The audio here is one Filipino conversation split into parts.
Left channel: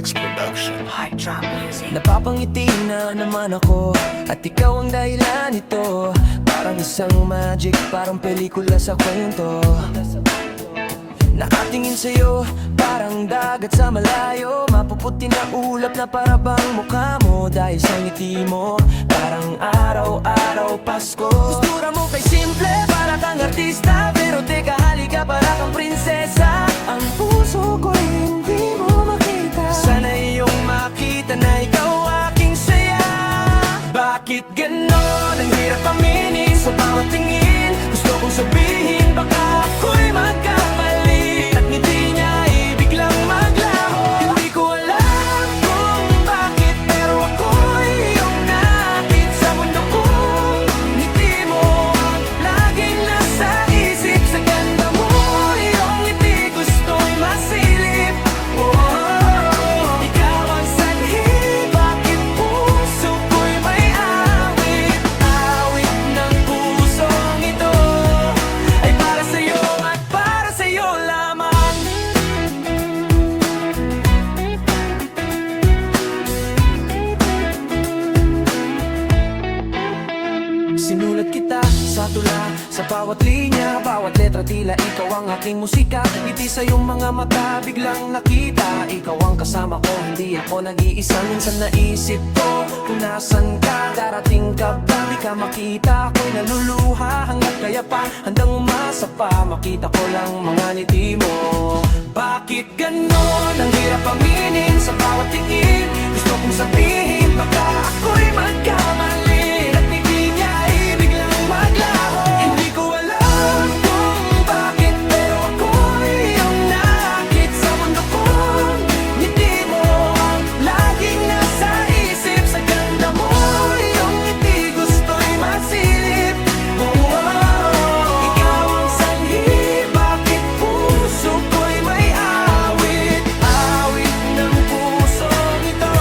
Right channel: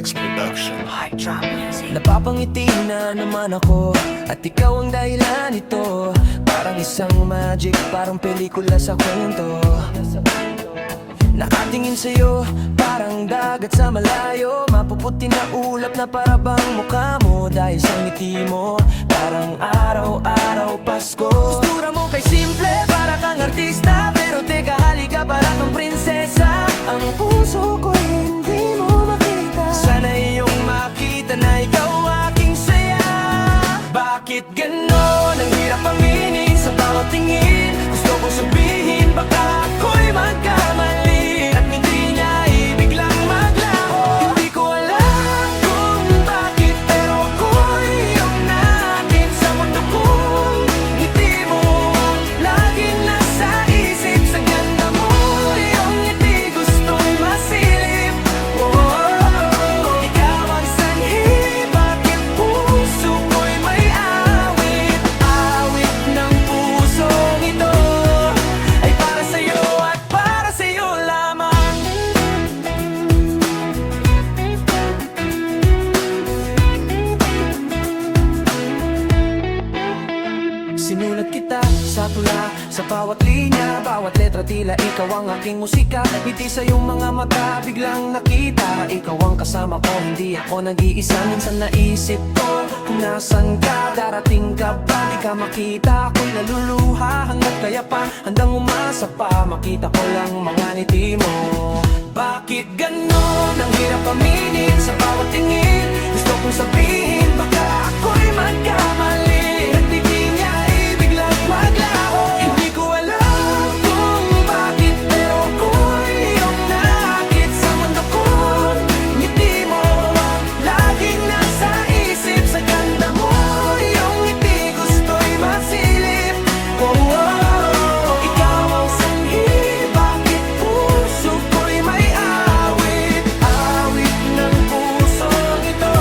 X Production. Hard drop music. Napapangiti na naman ako at ikaw ang dahilan nito. Parang isang magic, parang pelikula sa kwento. Nakatingin sa'yo, parang dagat sa malayo. Mapuputi na ulap na parabang mukha mo. Dahil sa ngiti mo, parang araw-araw Pasko. Postura mo kay simple, para kang artista. Pero teka, halika, para kang prinsesa. Ang puso ko'y hindi mo makita. Sana iyong makita na ikaw aking saya. Bakit ganon? Ang hirap aminin sa bawat tingin. Gusto kong sabihin, baka ako'y magkamali at ngiti niya ibiglang maglaho. Hindi ko alam kung bakit, pero ako'y iyong nakit sa mundo kong ngiti mo ang laging nasa isip. Sa ganda mo, iyong ngiti gusto'y masilip. Ikaw ang sanhi, bakit puso ko'y may awit. Awit ng pusong ito ay para sa'yo at para sa'yo lamang. Sinulat kita sa tula, sa bawat linya, bawat letra, tila ikaw ang aking musika. At ngiti sa iyong mga mata, biglang nakita ikaw ang kasama ko, hindi ako nag-iisa. Minsan naisip ko kung nasan ka, darating ka ba? Di ka makita, ako'y naluluha. Hanggat kaya pa, handang umasa pa, makita ko lang mga ngiti mo. Bakit ganon? Ang hirap aminin sa bawat tingin. Gusto kong sabihin, baka ako'y magkamali at ngiti niya ibiglang maglaho. Hindi ko alam kung bakit, pero ako'y iyong nakit sa mundo kong ngiti mo ang laging nasa isip. Sa ganda mo, iyong ngiti gusto'y masilip. Ikaw ang sanhi, bakit puso ko'y may awit. Awit ng pusong ito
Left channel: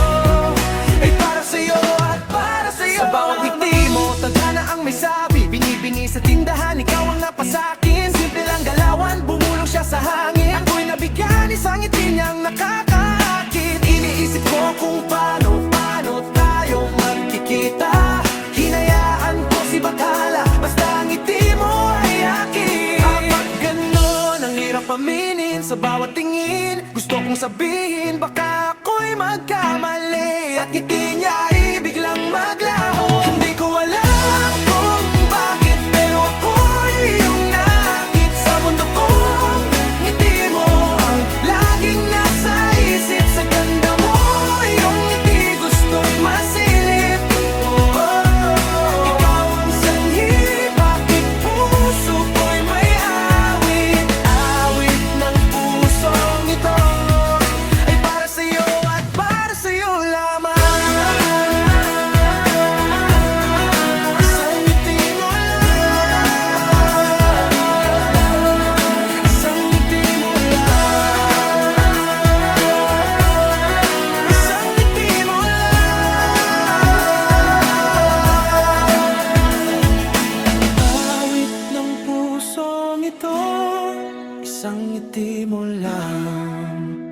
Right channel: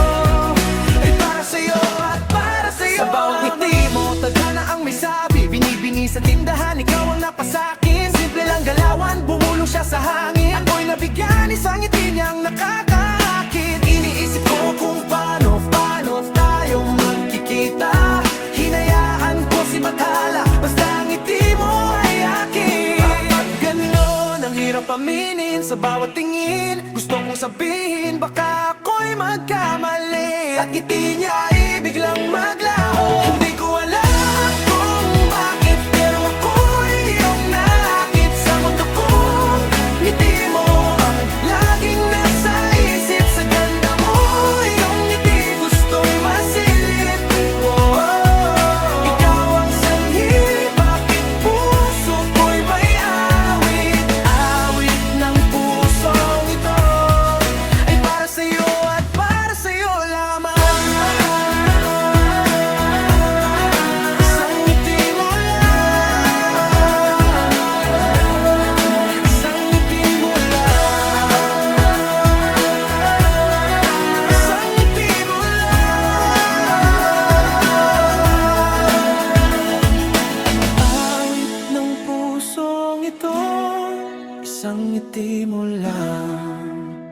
ay para sa'yo at para sa'yo. Sa bawat ngiti mo, tadhana ang may sabi. Binibini sa tindahan, ikaw ang napasakin. Simple lang galawan, bumulong siya sa hangin. Ako'y nabigyan, isang ngiti niyang nakakaakit. Iniisip ko kung paano tayo magkikita. Hinayaan ko si Bathala, basta ang ngiti mo ay akin. Kapag ganon, ang hirap aminin sa bawat tingin. Gusto kong sabihin, baka ako'y magkamali at ngiti niya ibiglang maglaho. Hindi ko alam kung bakit, pero ako'y iyong nakit sa mundo kong ngiti mo ang laging nasa isip. Sa ganda mo, iyong ngiti gusto'y masilip. Ikaw ang sanhi, bakit puso ko'y may awit. Awit ng pusong ito ay para sa'yo at para sa'yo lamang. Isang ngiti mo lang, isang ngiti mo lang, isang ngiti mo lang. Awit ng pusong ito, isang ngiti mo lang.